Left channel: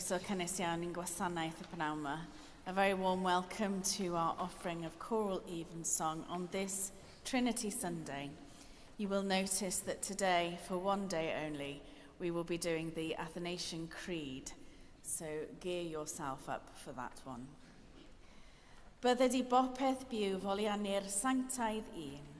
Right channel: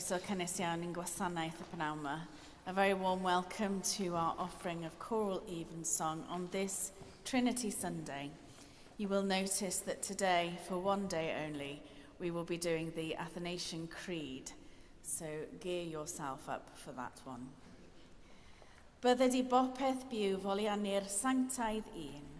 Croeso cynnes iawn i'n gwasanaeth y pnawn yma. A very warm welcome to our offering of Choral Evensong on this Trinity Sunday. You will notice that today, for one day only, we will be doing the Athanasian Creed. So gear yourself up for that one. Bydded I bopeth byw foliannu'r sanctaidd un.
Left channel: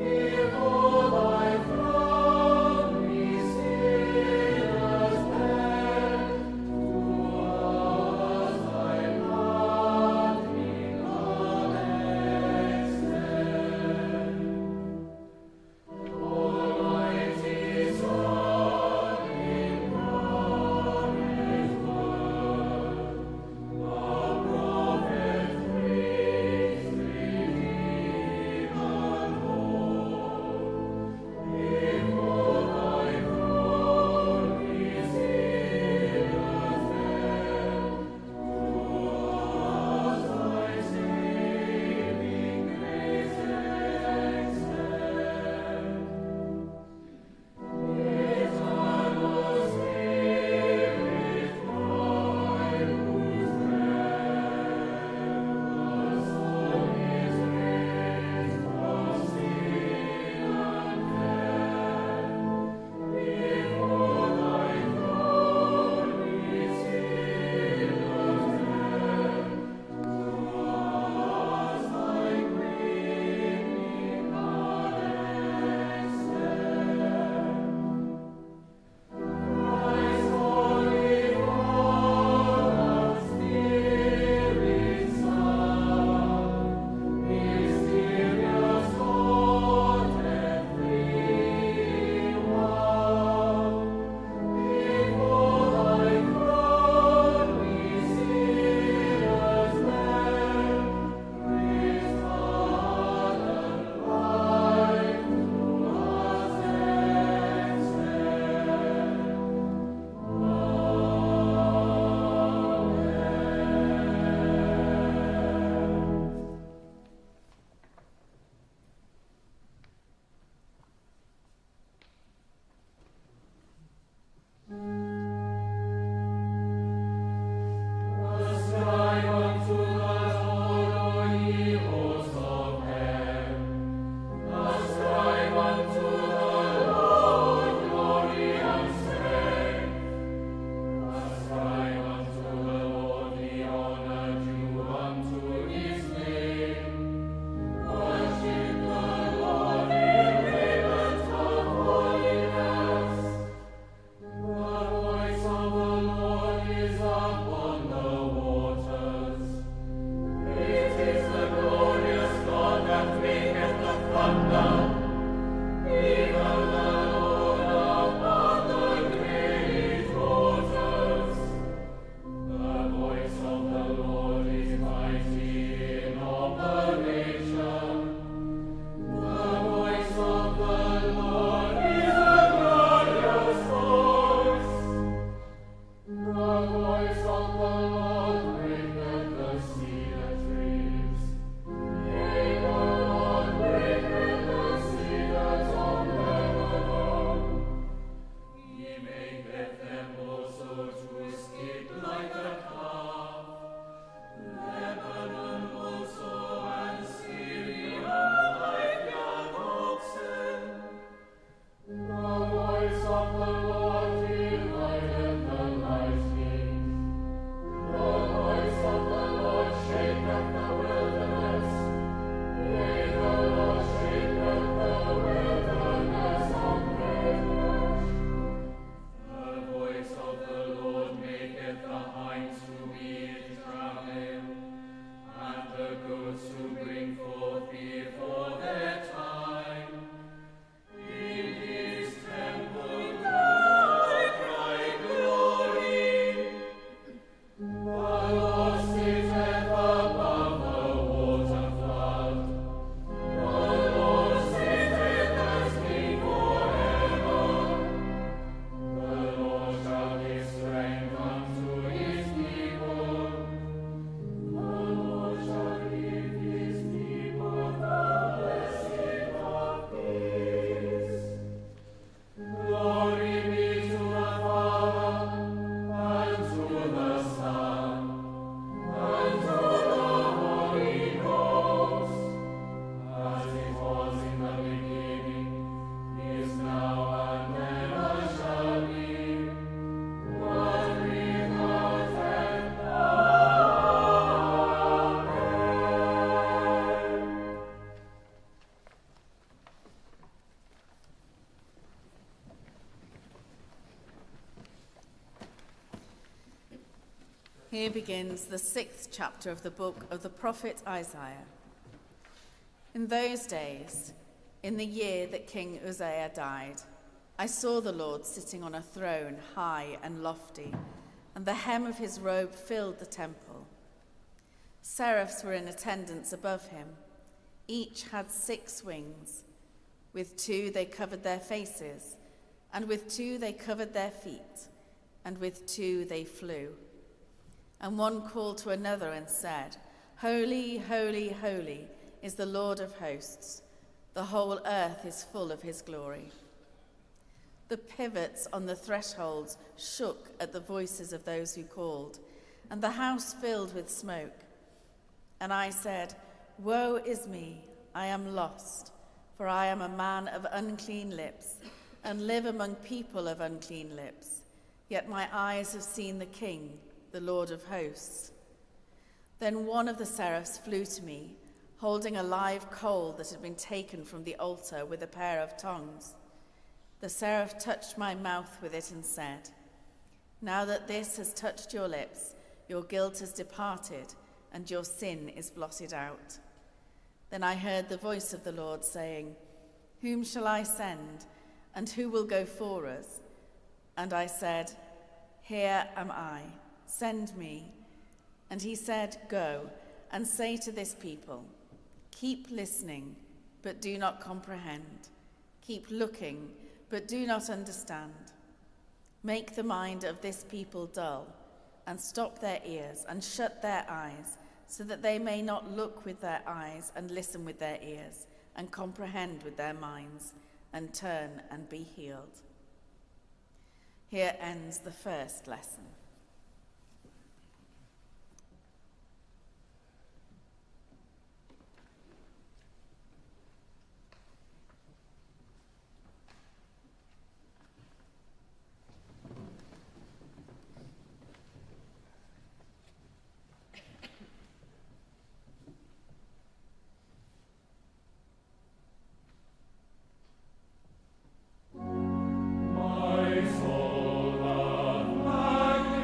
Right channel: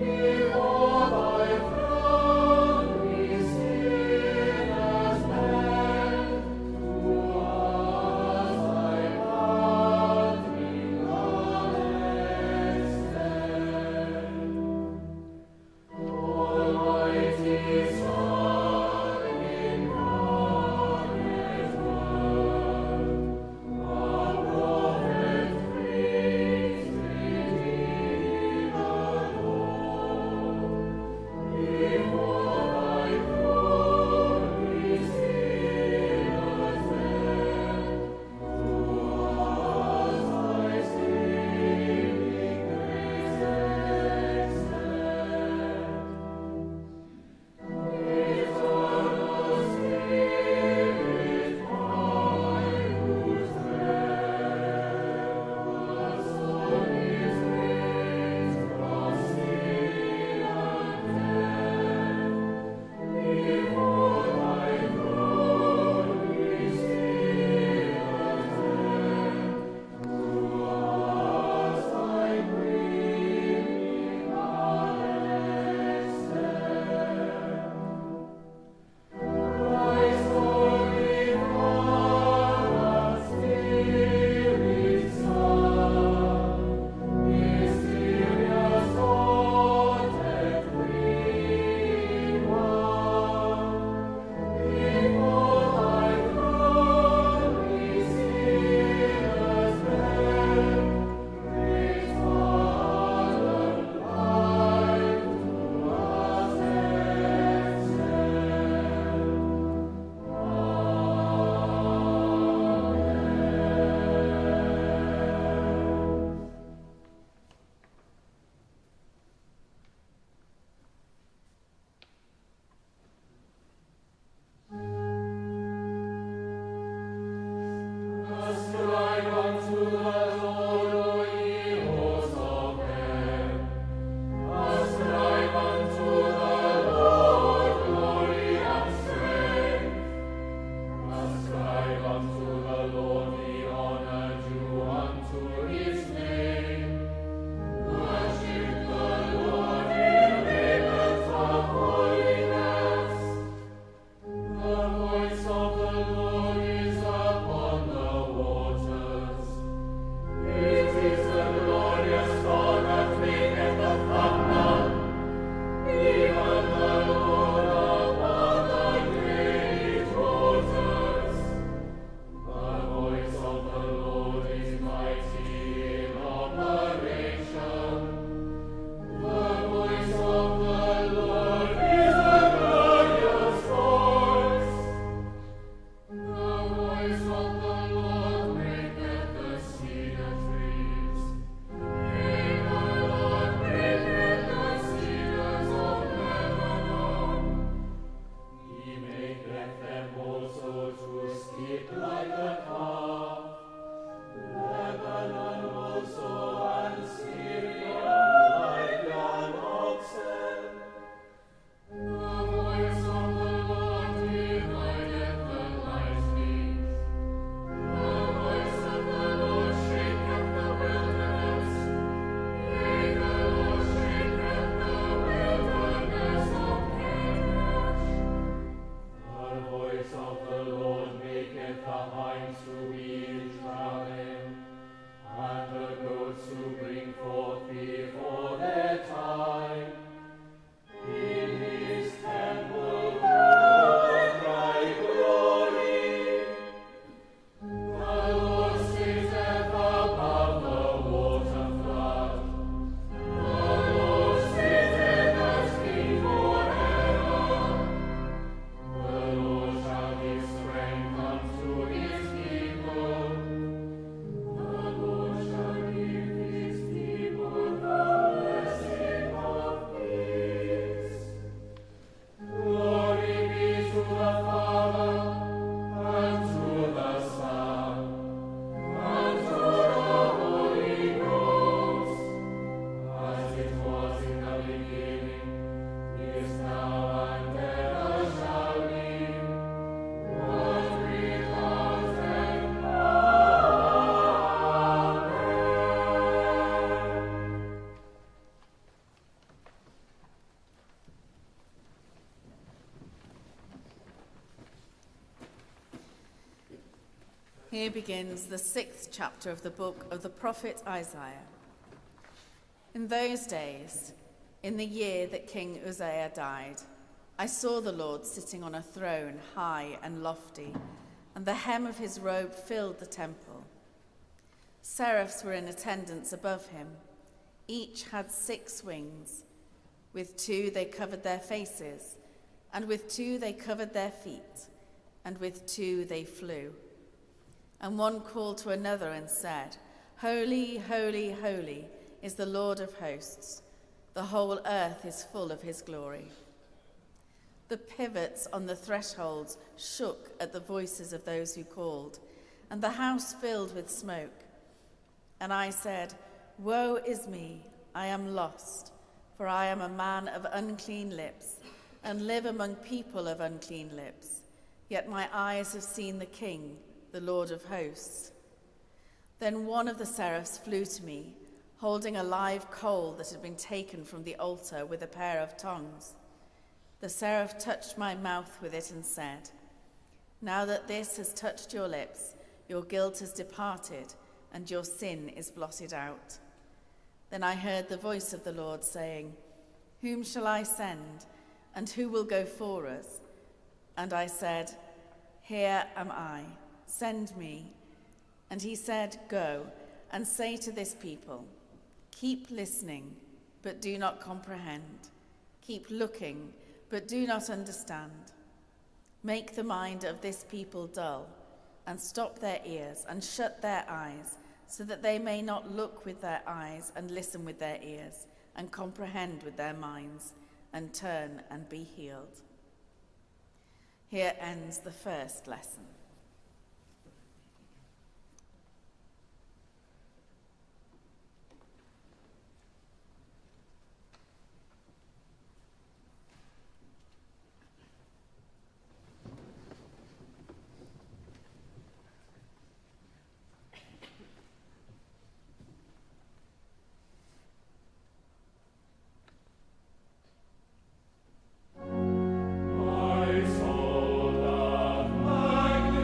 Yeah. Here begins the 6th chapter of the book of the prophet Isaiah. In those days, in the year that King Uzziah died, I saw the Lord sitting on a throne high and lofty, and the hem of his robe filled the temple. Seraphs were in attendance above him. Each had 6 wings. With 2 they covered their faces, and with 2 they covered their feet, and with 2 they flew. And one called to another and said, "Holy, holy, holy is the Lord of hosts. The whole earth is full of his glory." The pivots on the thresholds shook at the voices of those who called, and the house filled with smoke. And I said, "Woe is me, I am lost, for I am a man of unclean lips, and live among people of unclean lips. Yet my eyes have seen the King, the Lord of hosts." Then one of the seraphs flew to me, holding a live coal that had been taken from the altar with a pair of tongs. The seraph touched my mouth with it and said, "Now that this has touched your lips, your guilt has departed, and your sin is blotted out." Then I heard the voice of the Lord saying, "Whom shall I send, and who will go for us?" And I said, "Here am I, send me." And he said, "Go and say to this people, keep listening, but do not comprehend. Keep looking, but do not understand. Make the mind of this people dull, and stop their ears and shut their eyes, so that they may not look with their eyes and listen with their ears and comprehend with their minds and turn and be healed." Here ends the first lesson. My soul doth magnify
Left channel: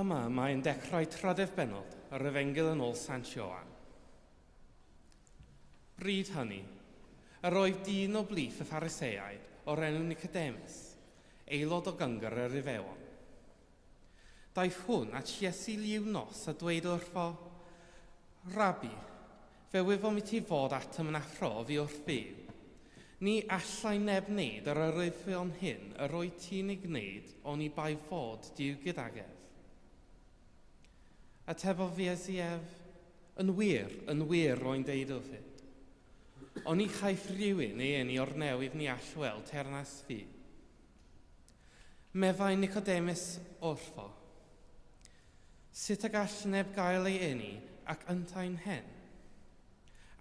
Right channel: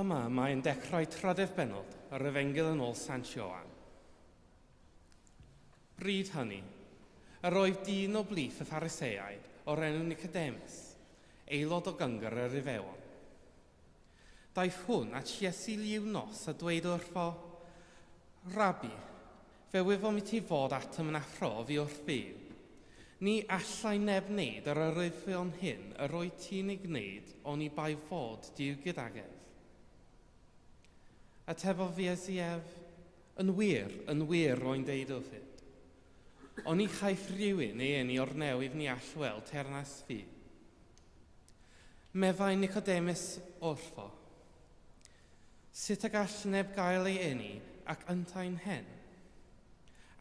Yma mae'n dechrau trydydd bennod yr Efengyl yn ôl Sant Ioan. Bryd hynny, yr oedd dyn o blith y Phariseaid o'r enw Nicodemus, aelod o gyngor yr Iddewon. Daeth hwn at Iesu liw nos a dweud wrtho, Rabi, fe wyfom i ti fod atom yn athro fi wrth fyw. Ni allai neb wneud yr arwyddion hyn yr oedd ti'n ei gwneud ond i bai fod Duw gydag ef. Atebodd fi Iesu, yn wir roi'n deud wrth. Ond i chaiff rhywun ei eni o'r newydd ni all weld ternas fi. Meddai Nicodemus wrtho, sut y gall neb gael ei eni ac yntain hen?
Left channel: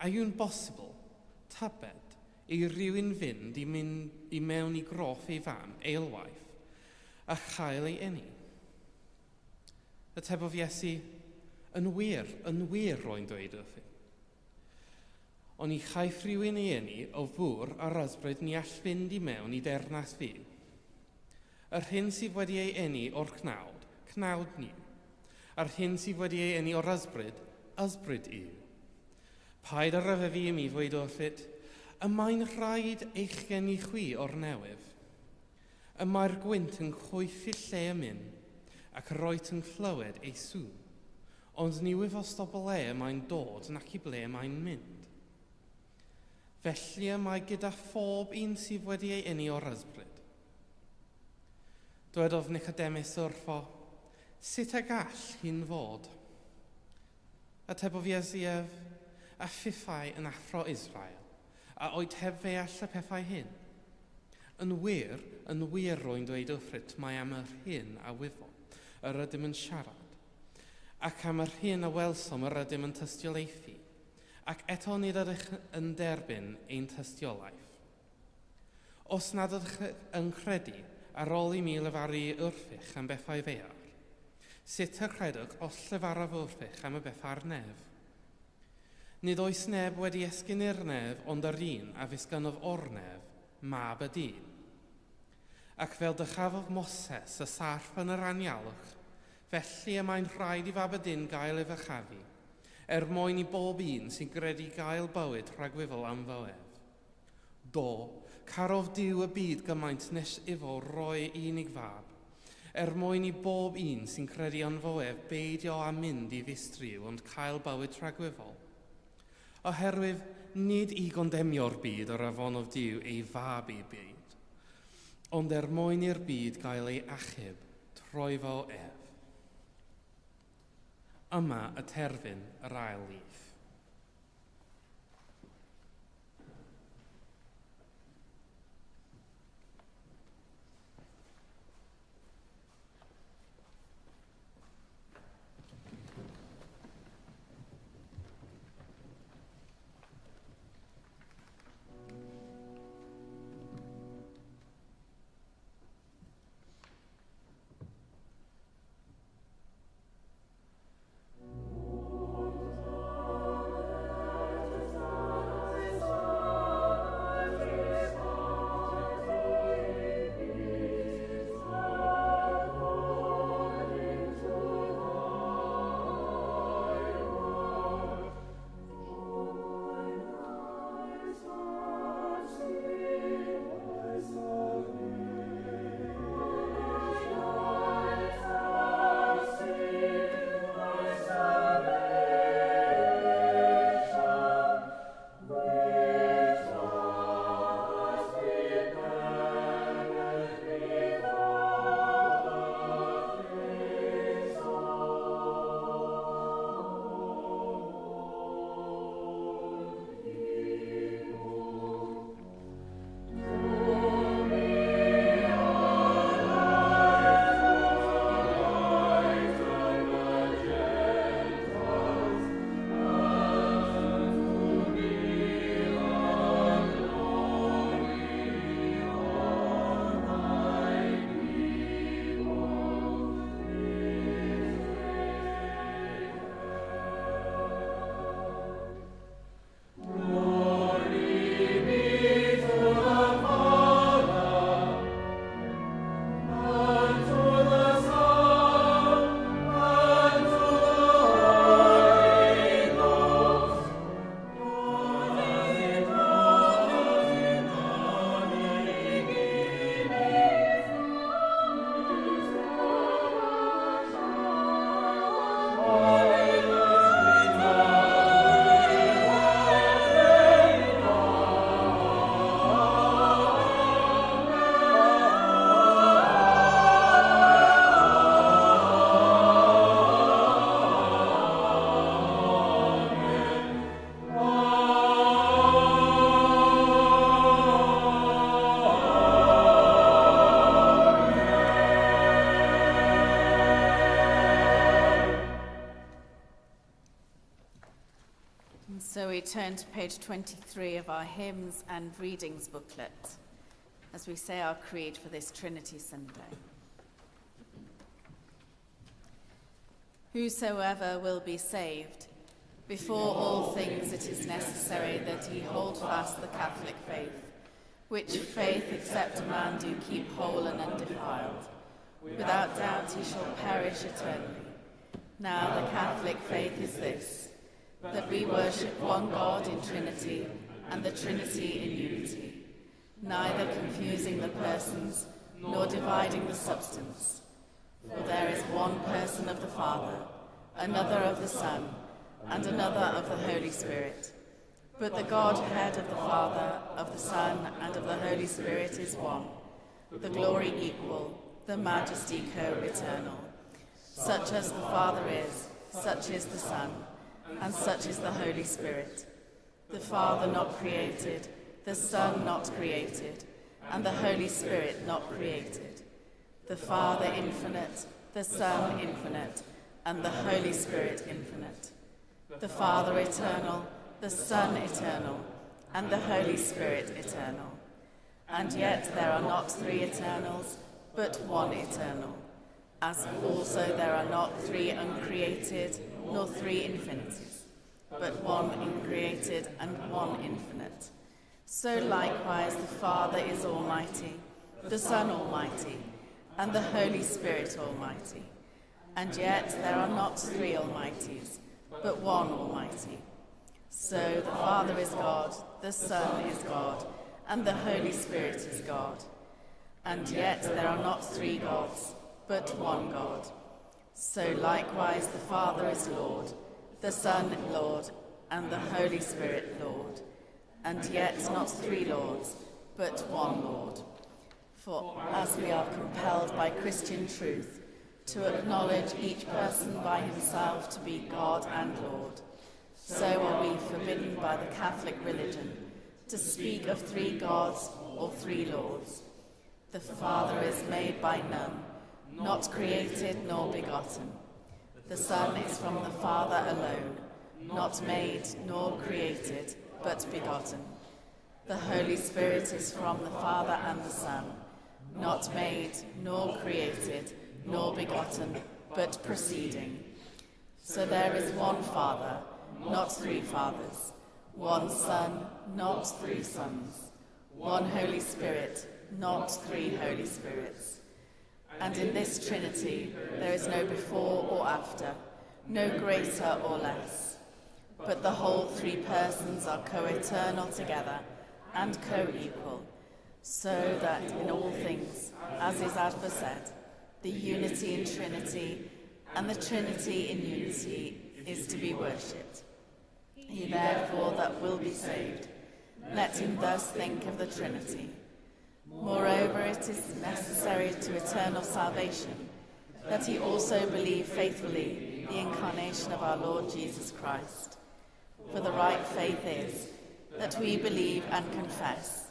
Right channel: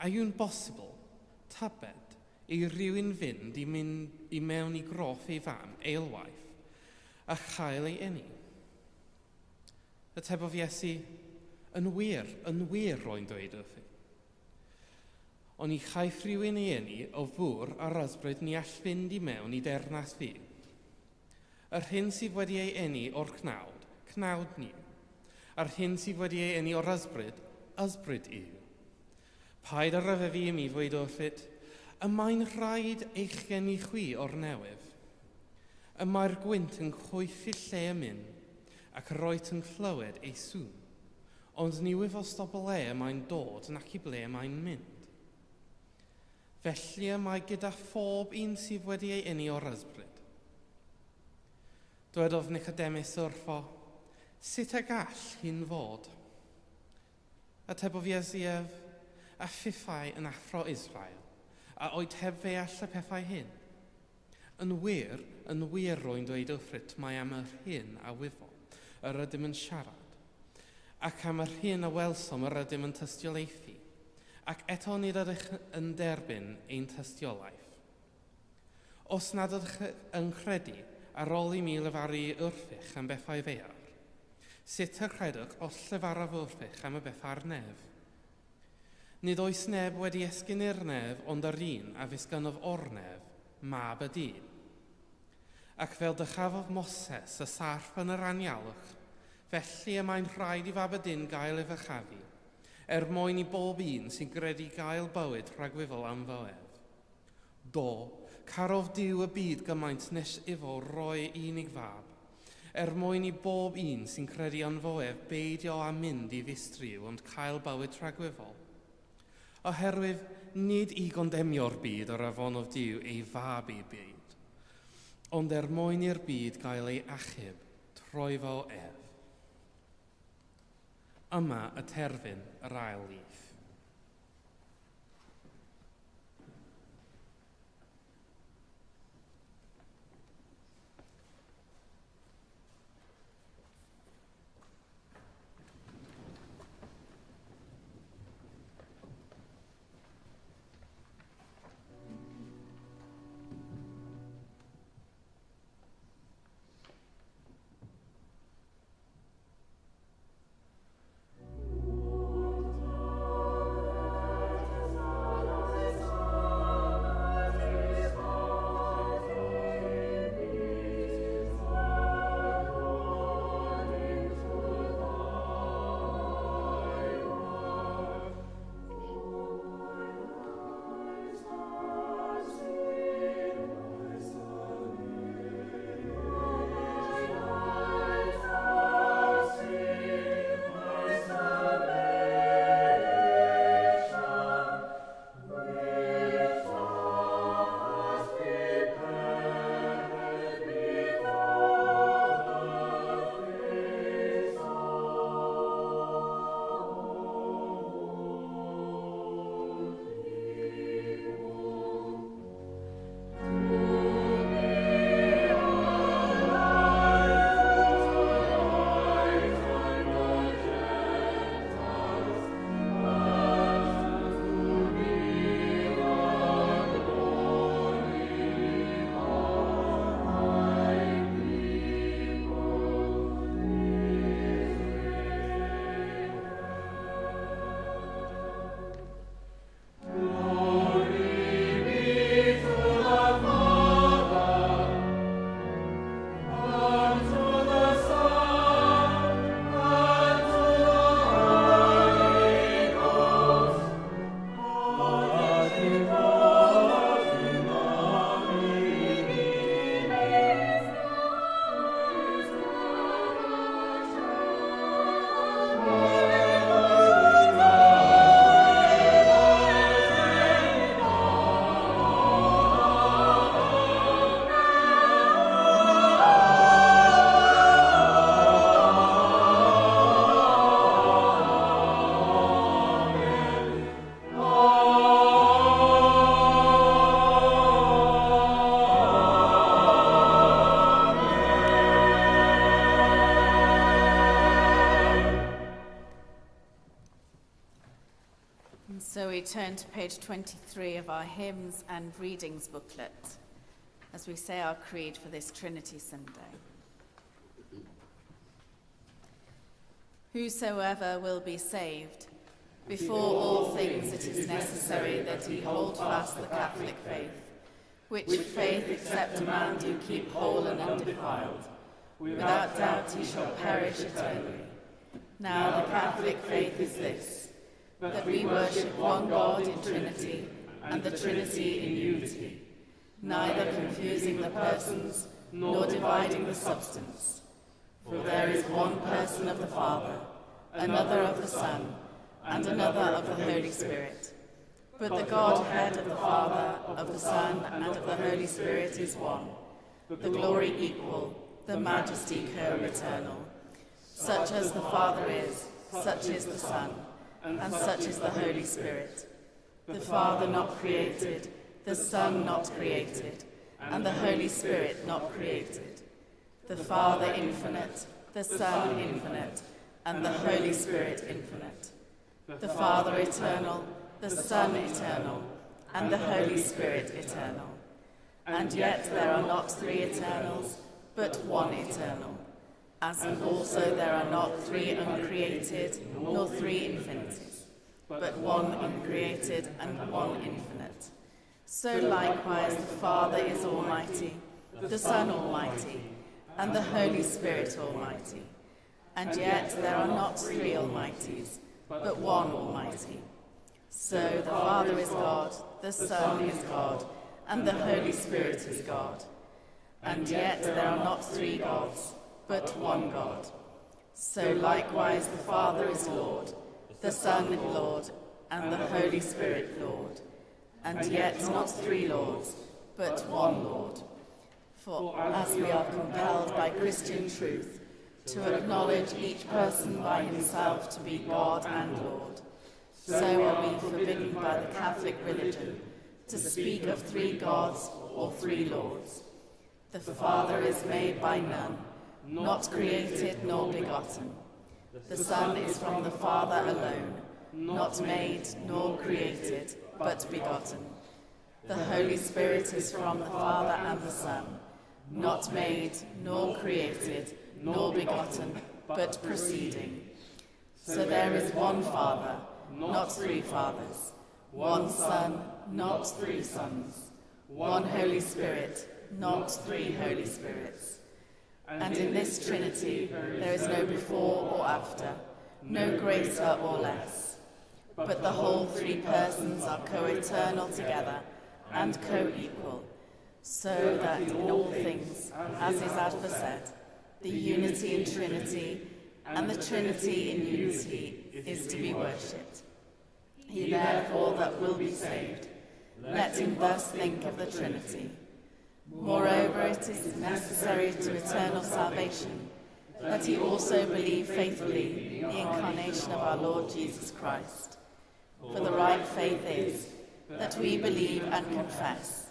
A yw'n bosibl, tybed, i rywun fynd i mewn i groff ei fam, eilwaith, a chael ei eni? Atebodd Iesu, yn wir roi'n dweud wrth. Ond i chaiff rhywun ei eni o fwr a'r ysbryd ni all fynd i mewn i dernas fi. Yr hyn sydd wedi ei eni o'r cnawd ni. A'r hyn sydd wedi ei eni o'r ysbryd yw. Paid ar ryfeddu i mi fwyd wrthyd, y mae'n rhaid eich geni chwi o'r newydd. Y mae'r gwynt yn chwyth i lle yn mynd, ac yr oed yn clywed ei sŵn. Ond ni wyfos o ble mae'n dod nac i ble mae'n mynd. Felly y mae gyda phob un sydd wedi ei eni o'r ysbryd. Dywedodd Nicodemus wrtho, sut y gall hi'n fod? Atebodd Iesu, a phiffau yn athro Israel, a oed heb fe all y pethau hyn. Yn wir roi'n dweud wrthyd mae am yr hyn a wyfo, yr ydym yn siarad, ac am yr hyn a welsom yr ydym yn tystiolaethu, ac eto nid ydych yn derbyn ein tystiolaeth. Os nad ydych yn credu ar ôl i mi lefaru wrthych am bethau fear, sut y credwch os lefaraf wrthych am y bethau'r nef? Nid oes neb wedi esgyn i'r nef ond yr un a fisgynodd o'r nef, mab y dyn. Ac fel dychafodd Moses y sarf yn yr anialwch, felly y mae'n rhaid i fab y dyn gael ei fychafu, mwyn i bob un sy'n gredu gael bywyd rhagwyfol am fywedd. Do, carodd Duw y byd gymaint nes ifo roi unig fab, mwyn i bob un sy'n credu yn fywedd beidio a mynd i ddistriw ond cael bywyd rhagwyfol. Oherwydd nid i gondemio'r byd o'r afonodd Duw ei fab i'r byd, ond mwyn i'r byd gael ei achub troi fo ef. Yma y terfyn yr ail lith. And so we turn to page 23 of our hymns and readings booklet as we say our creed for this Trinity Sunday. Whosoever will be saved, before all things it is necessary that he hold fast the Catholic faith, which faith except a man do keep whole and undefiled. Without doubt he shall perish eternally. Now the Catholic faith is this, that we worship one God in Trinity, and the Trinity in unity, neither confusing the persons, nor dividing the substance. For there is one person of the Father, another of the Son, and another of the Holy Spirit. But the Godhead of the Father, of the Son, and of the Holy Spirit is one, the glory equal, the majesty co-eternal. Such as the Father is, such is the Son, and such is the Holy Spirit. The Father not created, the Son not created, and the Holy Spirit not created. The Father infinite, the Son infinite, and the Holy Spirit infinite. The Father eternal, the Son eternal, and the Holy Spirit eternal. And yet there are not three eternals, but one eternal, as also there are not three uncreated, nor three infinities, but one uncreated and one infinite. So likewise the Father is almighty, the Son almighty, and the Holy Spirit almighty. And yet there are not three almighties, but one almighty. So the Father is God, the Son is God, and the Holy Spirit is God. And yet there are not three gods, but one God. So likewise the Father is Lord, the Son Lord, and the Holy Spirit Lord. And yet not three Lords, but one Lord. For as we are compelled by Christian truth to acknowledge each person by himself to be God and Lord, so are we forbidden by the Catholic religion to speak of three gods or three lords. The Father is made by none, not created nor begotten. The Son is from the Father alone, not made nor created, but begotten. The Holy Spirit is from the Father and the Son, not made nor created nor begotten, but proceeding. So there is one Father, not three fathers, one Son, not three sons, one Holy Spirit, not three Holy Spirits. And in this Trinity there is no before or after, no greater or less, but the whole three persons are co-eternal together and co-equal, so that in all things, as is aforesaid, the unity in Trinity and the Trinity in unity is to be worshipped. He therefore that will be saved, let him thus think of the Trinity. Moreover, it is necessary to eternal salvation that he also believe faithfully the incarnation of our Lord Jesus Christ. For the right faith is that we believe and confess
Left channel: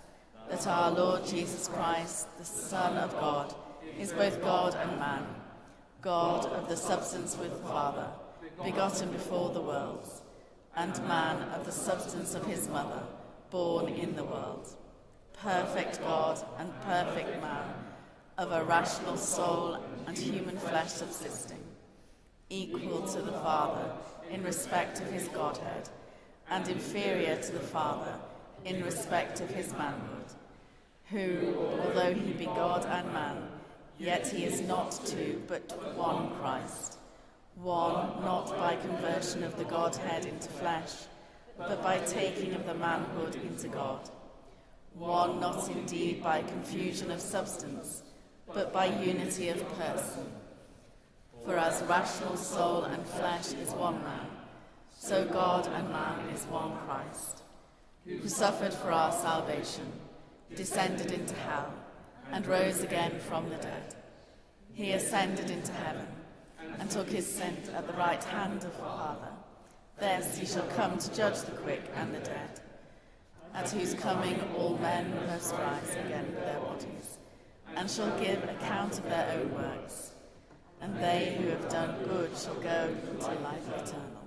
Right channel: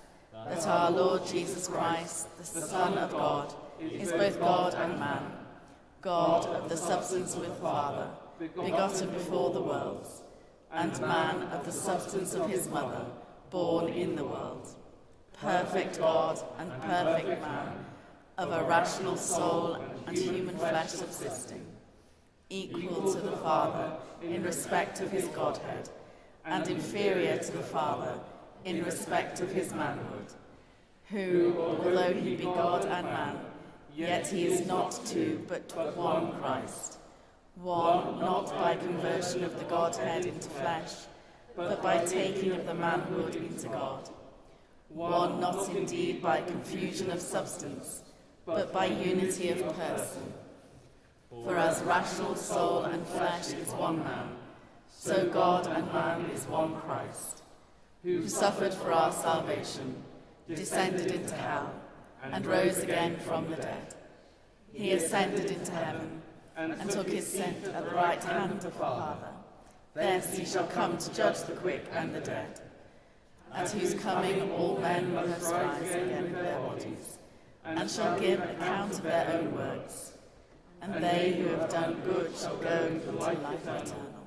that our Lord Jesus Christ, the Son of God, is both God and man, God of the substance with the Father, begotten before the worlds, and man of the substance of his mother, born in the world. Perfect God and perfect man, of a rational soul and human flesh subsisting, equal to the Father in respect of his Godhead, and inferior to the Father in respect of his manhood, who, although he be God and man, yet he is not two, but one Christ, one not by conversion of the Godhead into flesh, but by taking of the manhood into God, one not indeed by confusion of substance, but by unity of person. For as rational soul and flesh is one man, so God and man is one Christ, who suffered for our salvation, descended into hell, and rose again from the dead. He ascended into heaven, and took his seat at the right hand of the Father. Thence he shall come to judge the quick and the dead, at whose coming all men must rise again with their bodies, and shall give account of their own works. And they who have done good shall go into life eternal,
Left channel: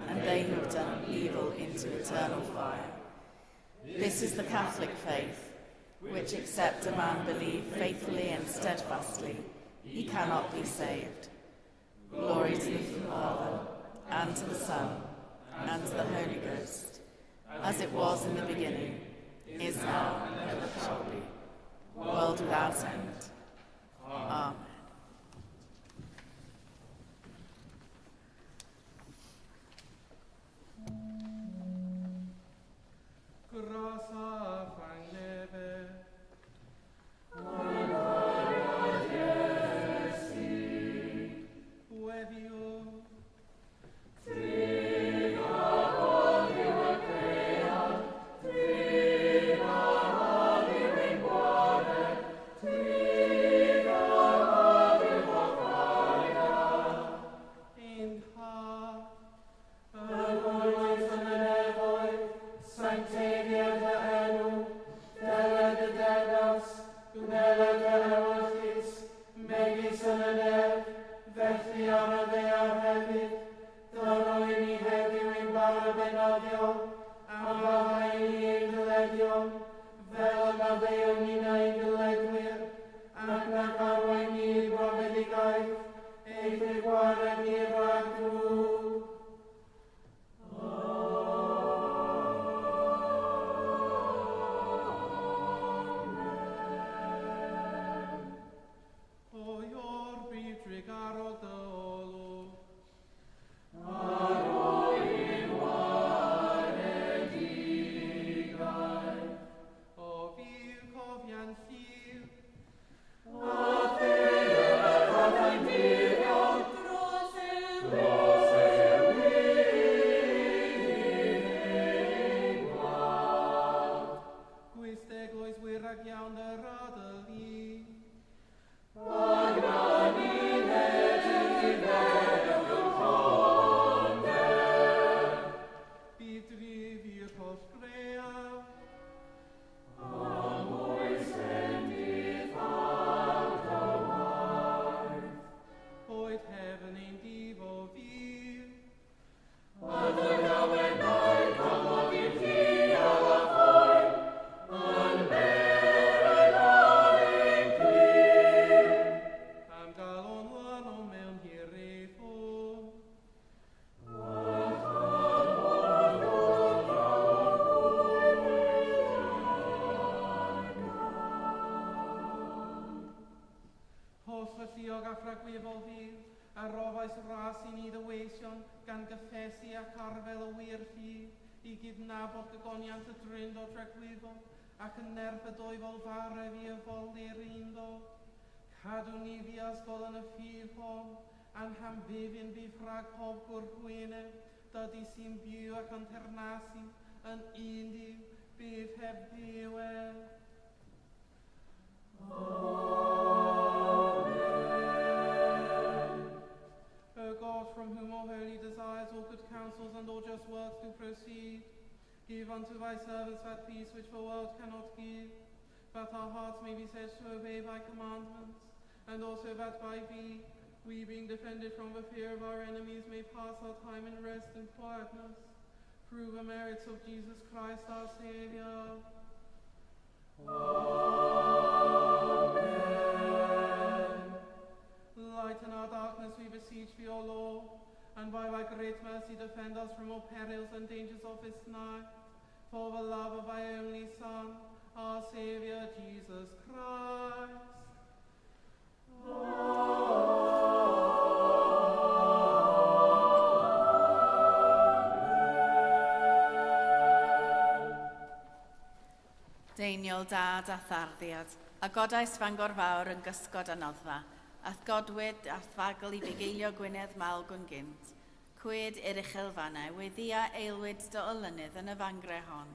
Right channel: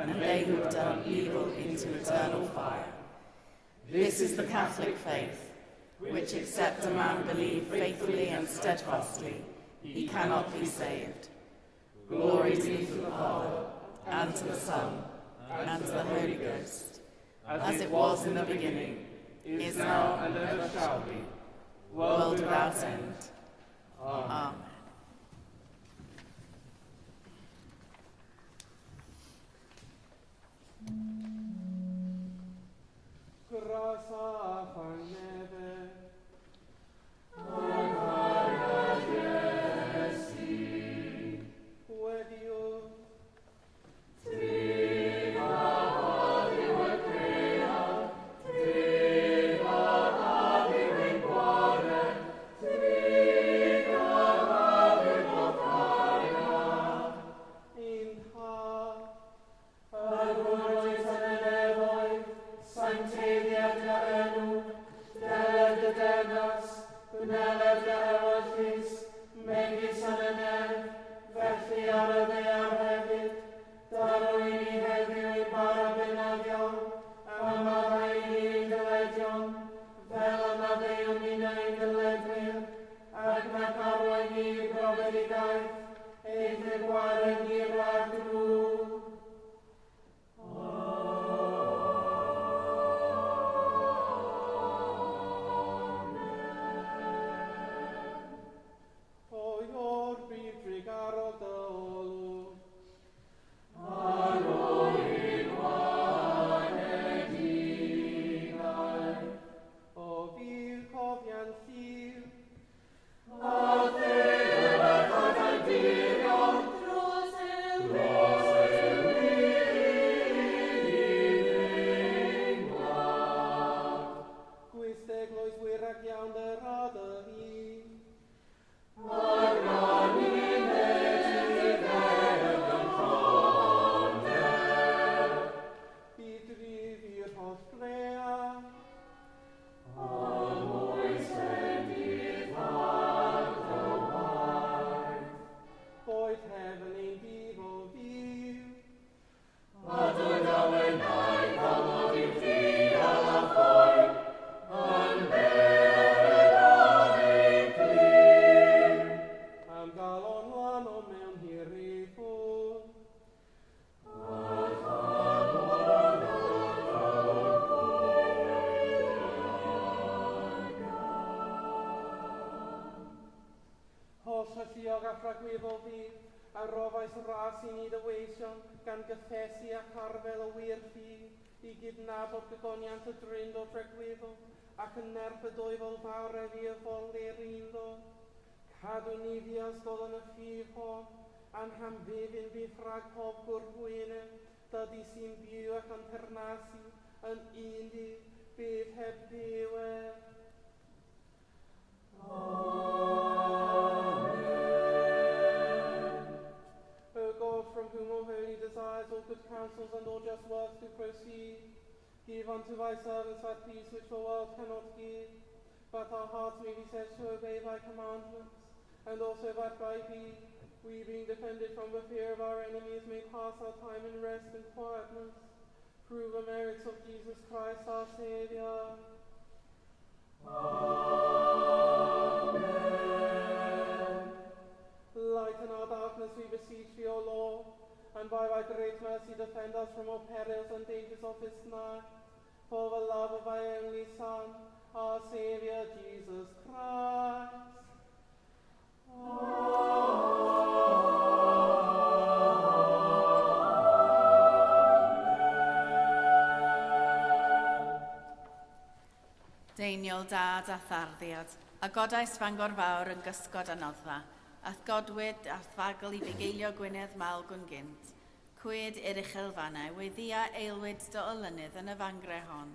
and they who have done evil into eternal fire. This is the Catholic faith, which except a man believe faithfully and steadfastly, he cannot be saved. Glory to the Father, and to the Son, and to the Holy Ghost, as it was in the beginning, is now, and ever shall be, world without end. Amen. Grasa fanebe. Wedium. Diog a phragweddol fi, a rofais ras I ni dyweision gan gyffesu ac arfel y wir fi I gydnabod gygoniant y Drindod rhagweddol ac yn nerf y dwy fel fawr fi y foldir undo. Cadw ni fi ysgol yn y ffydd hon, a'n hamddifyn fi ffrag pob gwrhwynydd, dydy sy'n byw ac yn ternasu yn un di bydd heb ddiwedd. O God, from whom all holy desires, all good counsels, and all just works do proceed, give unto thy servants that peace which the world cannot give, that our hearts may be said to obey thy commandments, and also that by thee, we being defended from the fear of our enemies, may pass our time in rest and quietness, through the merits of Jesus Christ our Saviour. Amen. Lighten our darkness, we beseech thee, O Lord, and by thy great mercy defend us from all perils and dangers of this night, for the love of thy only Son, our Saviour, Jesus Christ. Deiniol dad a tharddiad, a godais Fangor fawr yn gysgod a noddfa, ath godwyd a thfagl I fugeilio Gwynedd mal gwn gynt. Cwyd i'r uchel fannau, weddia eilwyd dy olynydd yn y fangre hon,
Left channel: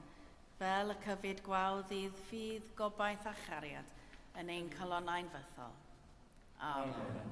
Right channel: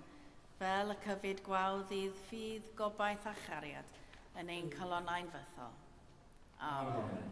fel y cyfyd gwawdd ddydd ffydd gobaith a chariad yn ein colonnau'n fythol. Amen. Amen.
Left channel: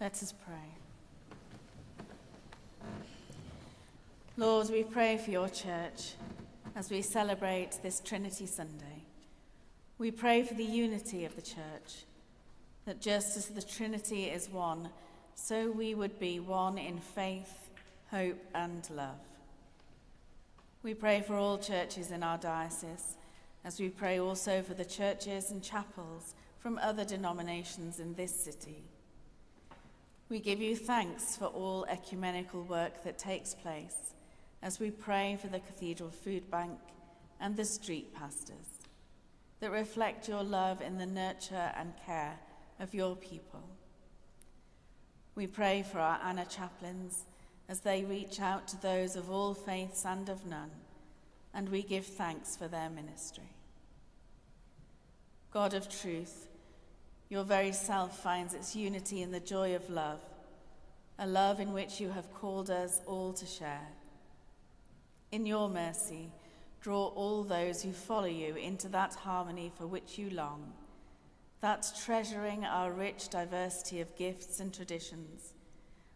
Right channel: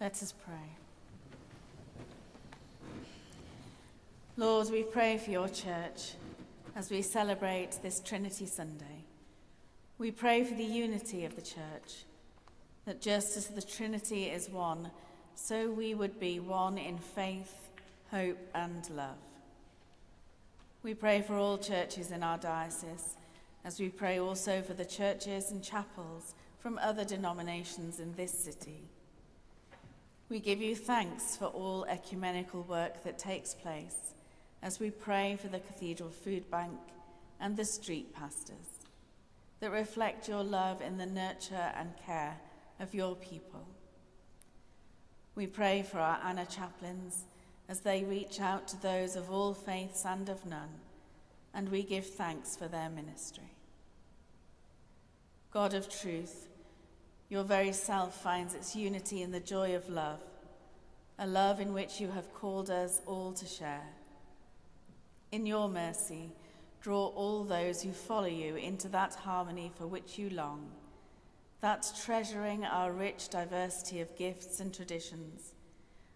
Let us pray. Lord, we pray for your church as we celebrate this Trinity Sunday. We pray for the unity of the church, that just as the Trinity is one, so we would be one in faith, hope, and love. We pray for all churches in our diocese, as we pray also for the churches and chapels from other denominations in this city. We give you thanks for all ecumenical work that takes place, as we pray for the Cathedral Food Bank and the street pastors, that reflect your love in the nurture and care of your people. We pray for our Anna chaplains as they reach out to those of all faiths and of none, and we give thanks for their ministry. God of truth, your very self finds its unity in the joy of love, a love in which you have called us all to share. In your mercy, draw all those who follow you into that harmony for which you long, that treasuring our rich diversity of gifts and traditions,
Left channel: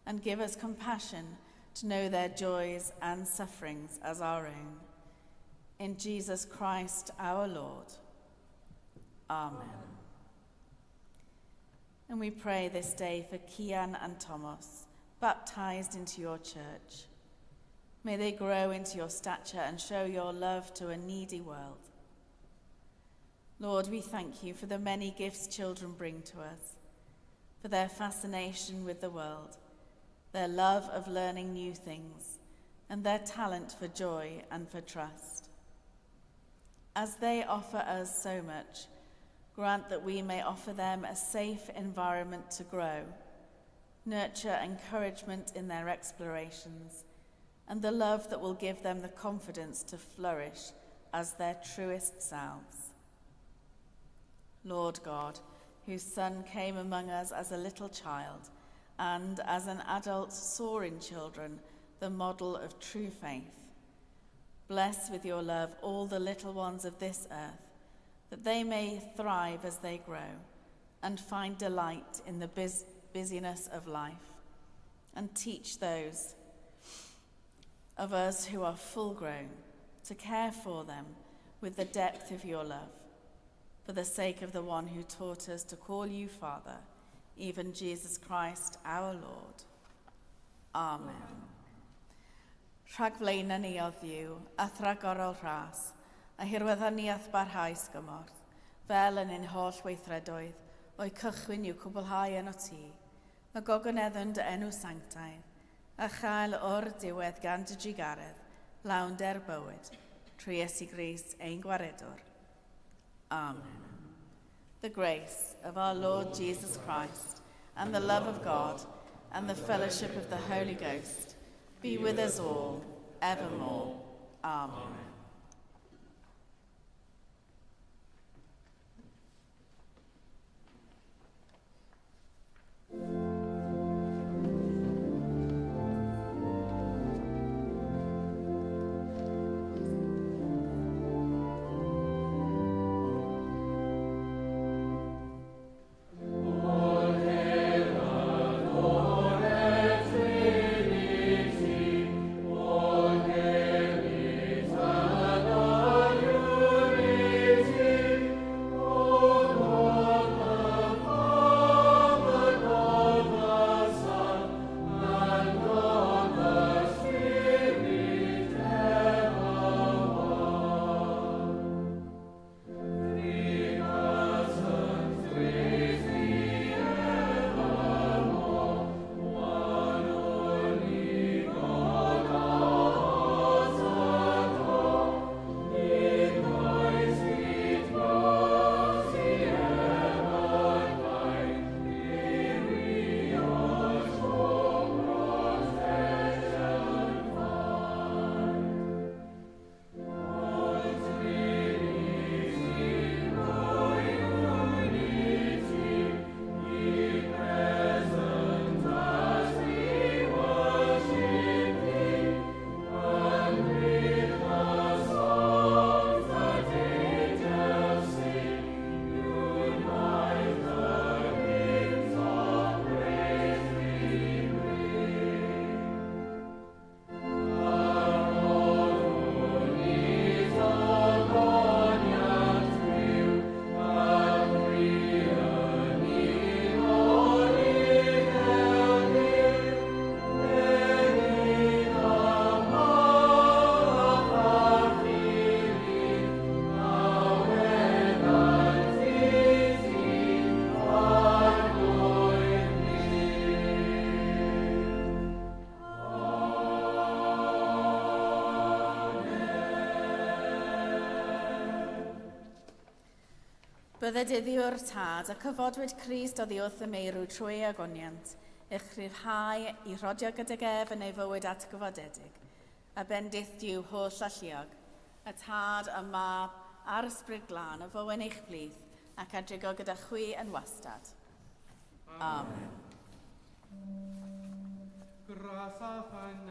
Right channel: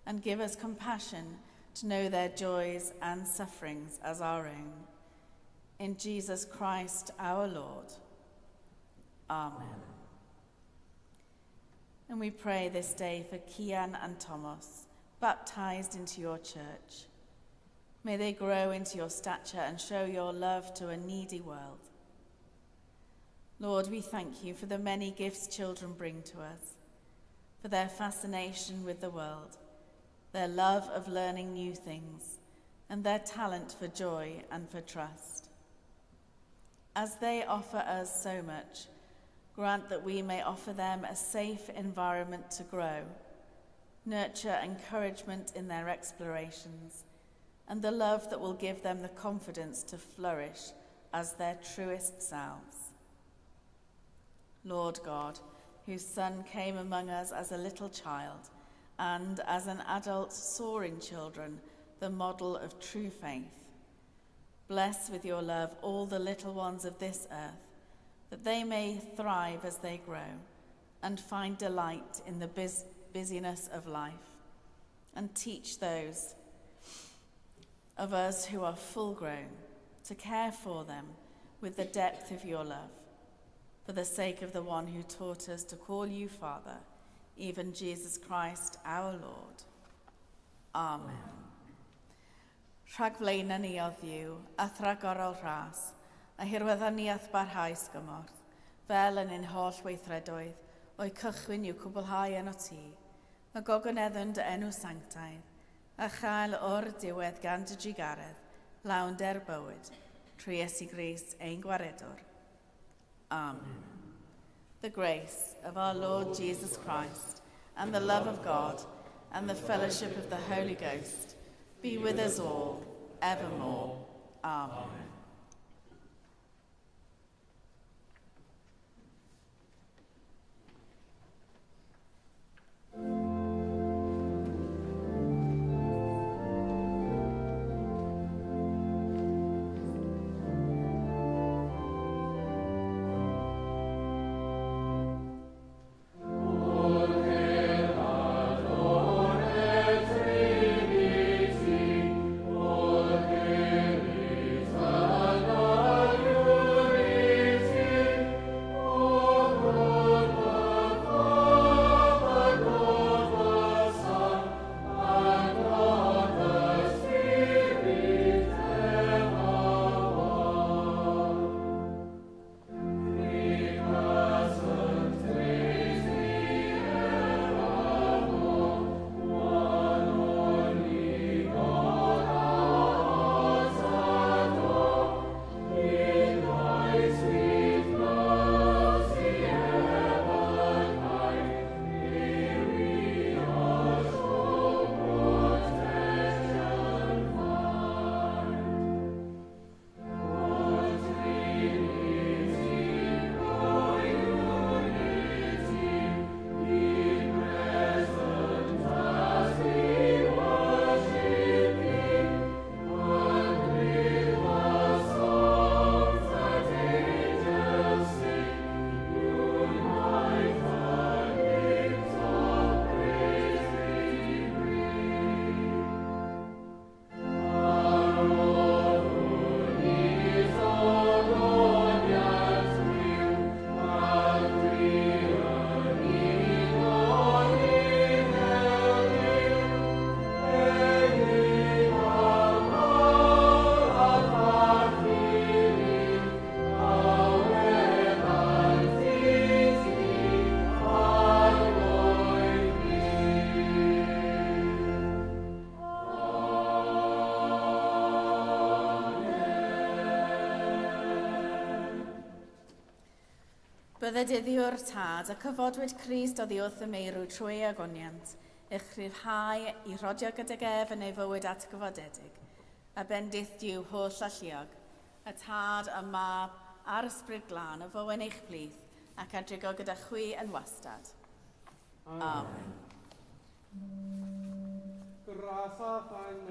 and give us compassion to know their joys and sufferings as our own. In Jesus Christ our Lord. Amen. And we pray this day for Kian and Thomas, baptized into your church. May they grow into your stature and show your love to a needy world. Lord, we thank you for the many gifts children bring to us, for their fascination with the world, their love of learning new things, and their talent for joy and for trust. As they offer us so much, grant that we may offer them a safe environment to grow, nurture encouragement in their explorations, and the love that will give them the confidence to flourish as their truest selves. Lord God, whose Son came among us as a little child, and as an adult saw in children the model of true faith, bless with your love all the little ones of this earth, that they may thrive as they grow and find delight in the busyness of life, and teach those of us who are full grown to care for them with the depth of your love, for the sake of the one who taught us to call you Father, even Jesus Christ our Lord. Amen. Rhag flaena ni o ddiw, a thragorol rhas, a hirweddaniaeth barhaus gymorth, fel yn ein holl weithredoedd, o'i cychwyn i'w cwblhau yn o ti, a gogoneddyn dy enw sanctaidd, a chael o'r diwedd gan dy drigaredd, lawnder bywyd, trwy Iesu Grist ein gwaredwr. Amen. The grace of our Lord Jesus Christ, and the love of God, and the fellowship of the Holy Ghost, be with us all, evermore. Amen. Trinity, Bydde dyddiwr tad a cyfodwyd Crist oddi wrth y meirw trwy ei agoniant, eich rhyddhau i rodio gydag ef yn ei fywyd atgyfodedig, a bendith diw holl alluog, y tad, y mab, a'r ysbryd glân, y fywyn eich blith, ac adrigo gyda chwi yn wastad. Amen. Grasa fan